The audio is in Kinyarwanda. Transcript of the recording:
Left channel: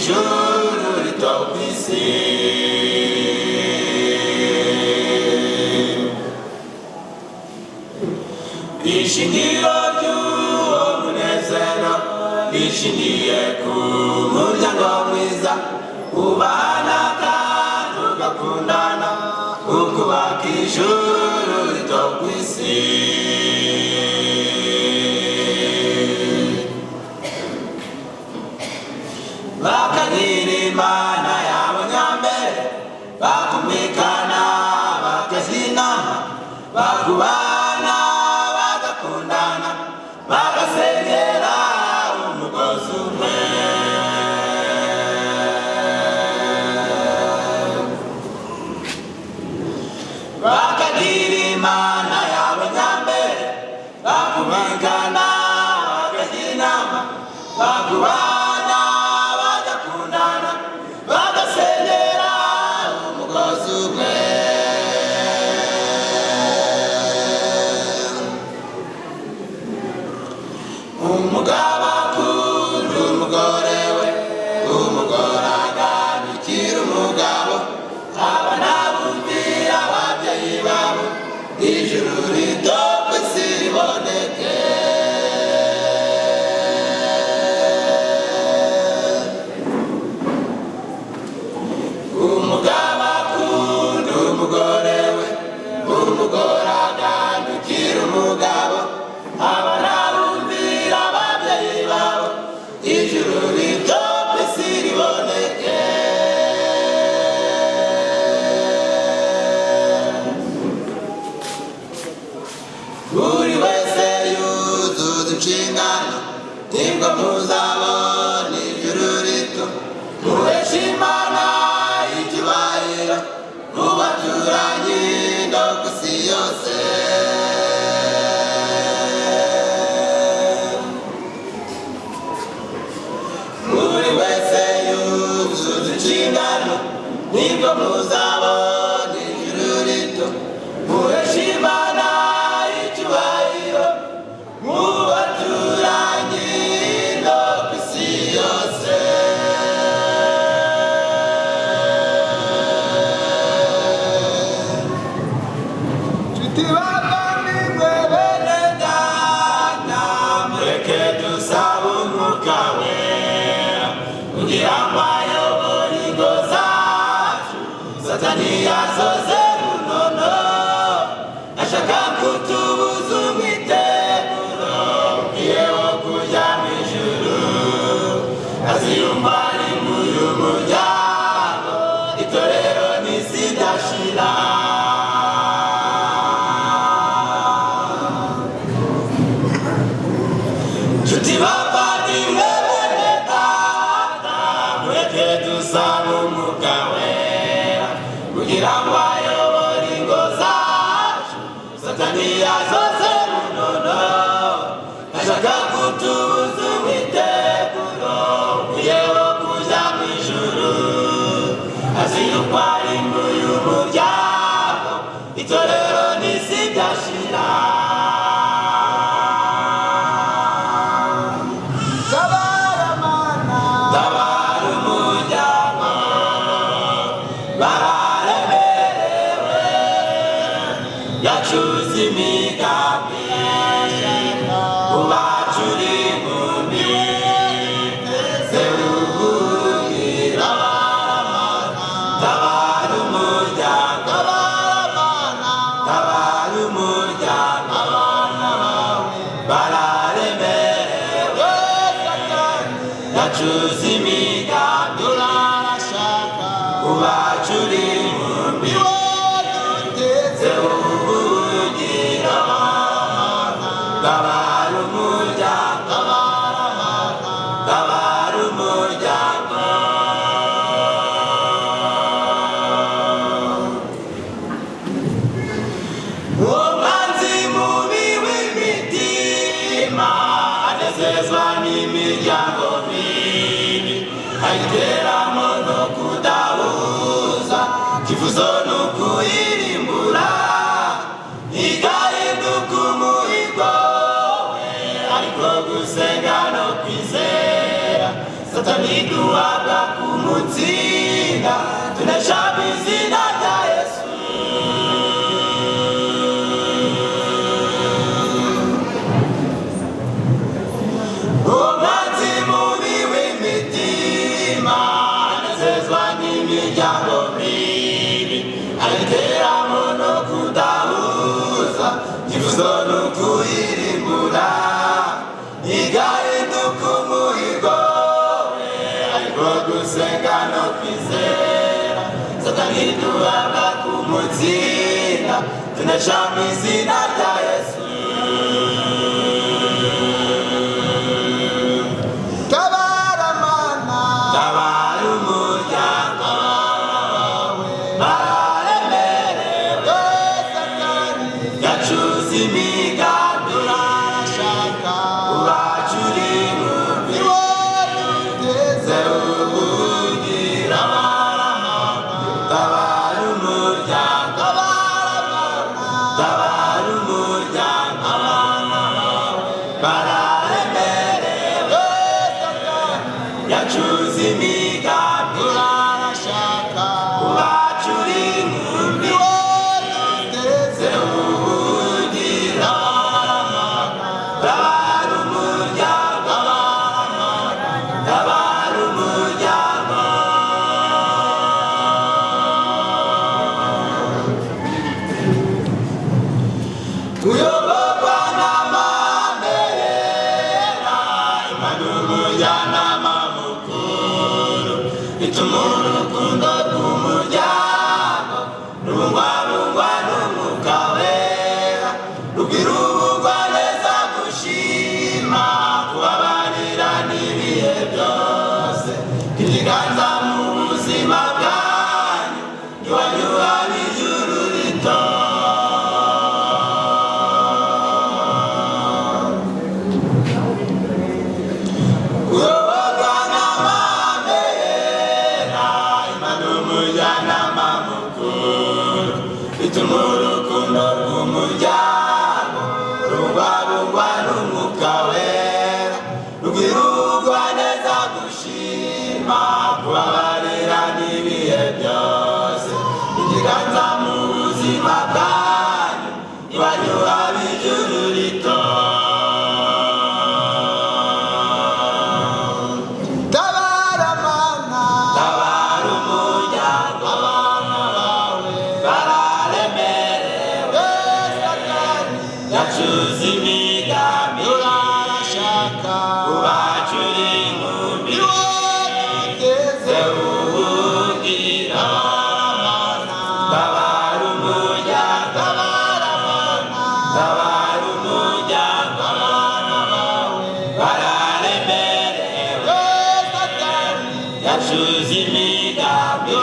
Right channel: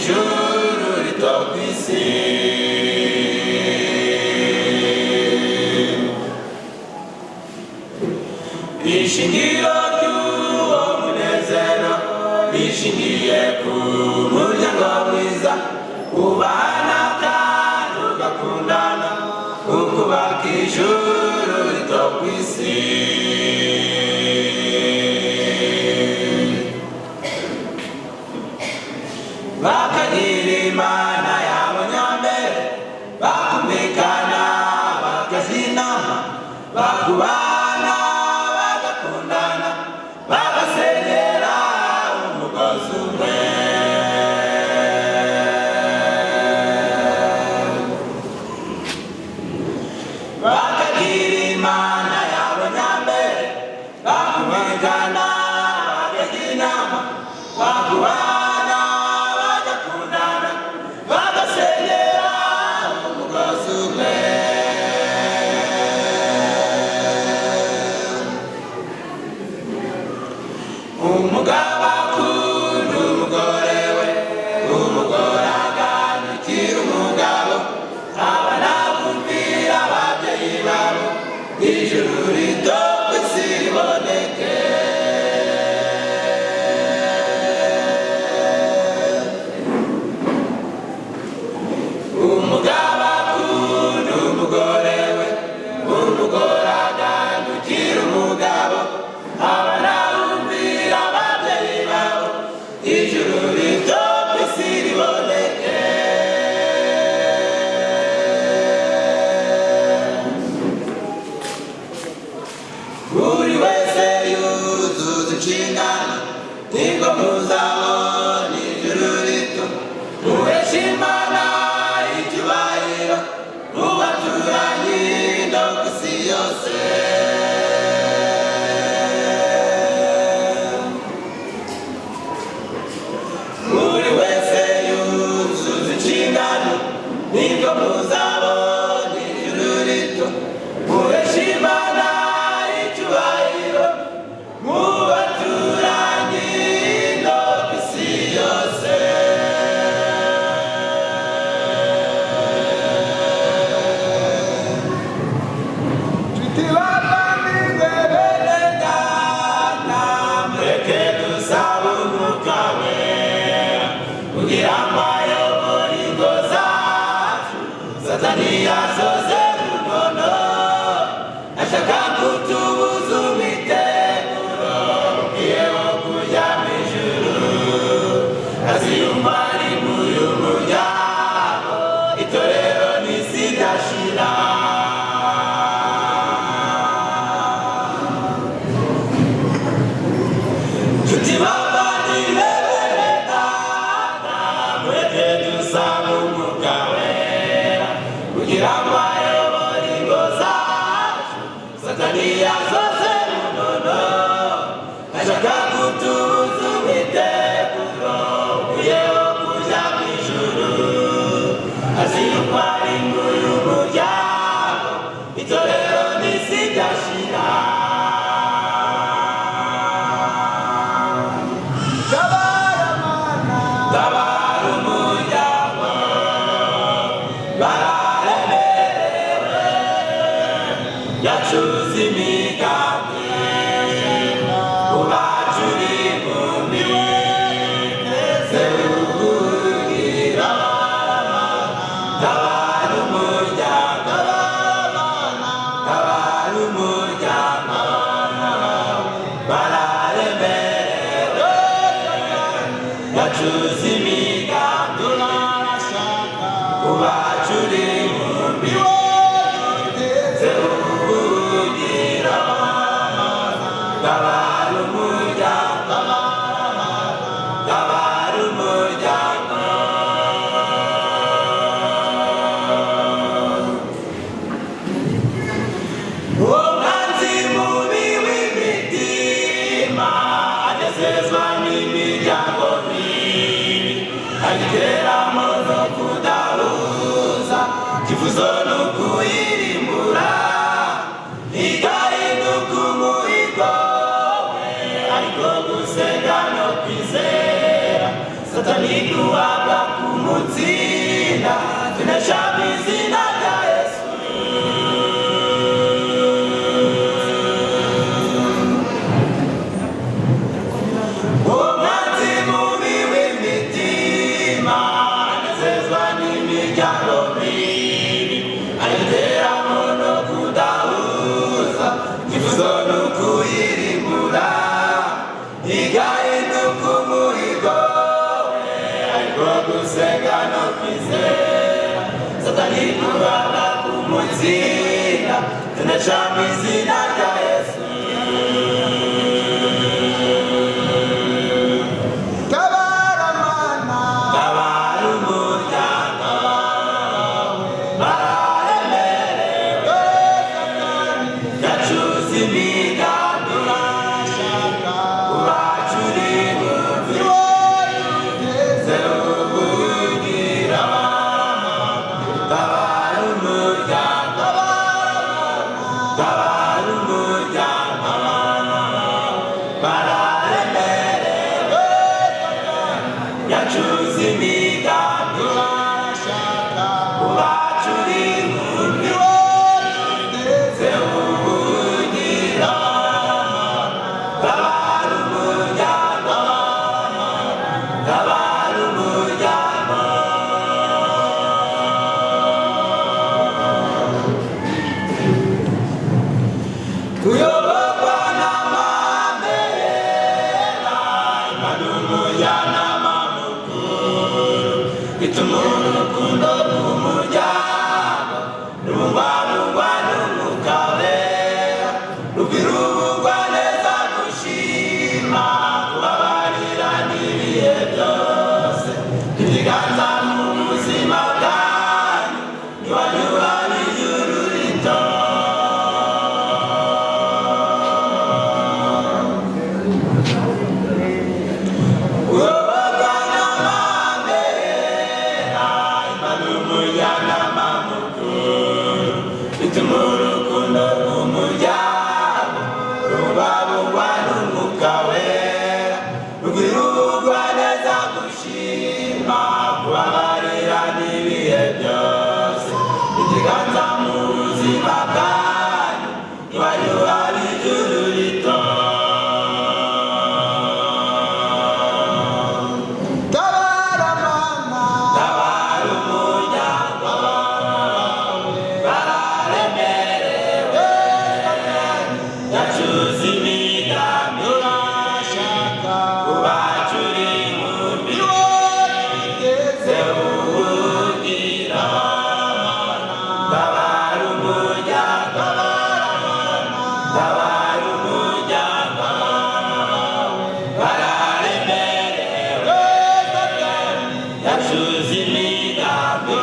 ijuru rito kw'isi. Ishingiro ry'uwo munezero rishingiye ku muryango mwiza ubana kandi ugakundana ukubaka ijuru rito kw'isi. Bakagira Imana yabo nyambere bakumvikana bakaja inama bakubana bagakundana bagasenyera umugozi umwe. Bakagira Imana yabo nyambere bakumvikana bakaja inama bakubana umugabo akunda umugore we, umugore agandukira umugabo, abana bumvira ababyeyi babo, ijuru rito kw'isi riboneke. Umugabo akunda umugore we, umugore agandukira umugabo, abana ijuru rito kw'isi riboneke. Buri wese yuzuza inshingano nibwo muzabona ijuru rito. Muheshe Imana icyubahiro mu baturanyi no kw'isi yose. Nibwo muzabona ijuru rito. Muheshe Imana icyubahiro mu baturanyi no kw'isi yose. Nshuti bavandimwe bene Data, mureke dusabe Umwuka Wera kugira ngo ayobore ingo zacu. Satani yazoze runono ashaka kutubuza umwiteguro ugiye wo kuja mw'ijuru. Aziyumva ari muri umuryango, itorero n'isi idashira. Nshuti bavandimwe bene Data, mureke dusabe Umwuka Wera kugira ngo ayobore ingo zacu. Satani yazoze runono ashaka kutubuza umwiteguro ugiye wo kuja mw'ijuru. Aziyumva ari muri umuryango, itorero n'isi idashira. Tabara umuryango, bararemerewe, yacuze imigambi ubacura inkumbi. Zewugira tabara umuryango, tabara umuryango, bararemerewe, yacuze imigambi ubacura inkumbi. Zewugira tabara umuryango, tabara umuryango. Uwo mwanzi mubi w'imitima anezezwa n'imiryango mibi, ayiteramo no kudahuza, kivuzo n'ukuyirimbura. Igahinduka umuhigo we, ariko gusenga no kwizera Satani duhabwa duhabwa kumutsinda tunesha mu izina rya Yesu. Tabara Mana, tabara umuryango bararemerewe, yacuze imigambi urashaka ubacuri mubi ugeze ubugira. Tabara umuryango, tabara umuryango bararemerewe, yacuze imigambi urashaka ubacuri mubi ugeze ubugira. Tabara umuryango, tabara umuryango. Tuyoborwa n'amabendera, Imana umujyanama mukuru, bituma urukundo rw'umuryango rubungwabungwa n'Umwuka Wera, rubwira ubugwaneza, gushima, kubabarira n'ibihe byose. Ikiganza mu buzima bwanyu, iwanyu hari ijuru rito. Kuyoborwa n'amabendera, Imana umujyanama mukuru, bituma urukundo rw'umuryango rubungwabungwa n'Umwuka Wera, rubwira ubugwaneza, gushima, kubabarira n'ibihe byose. Ikiganza mu buzima bwanyu, iwanyu hari ijuru rito. Tabara Mana, tabara umuryango bararemerewe, yacuze imigambi urashaka ubacuri mubi ugeze ubugira. Tabara umuryango, tabara umuryango bararemerewe, yacuze imigambi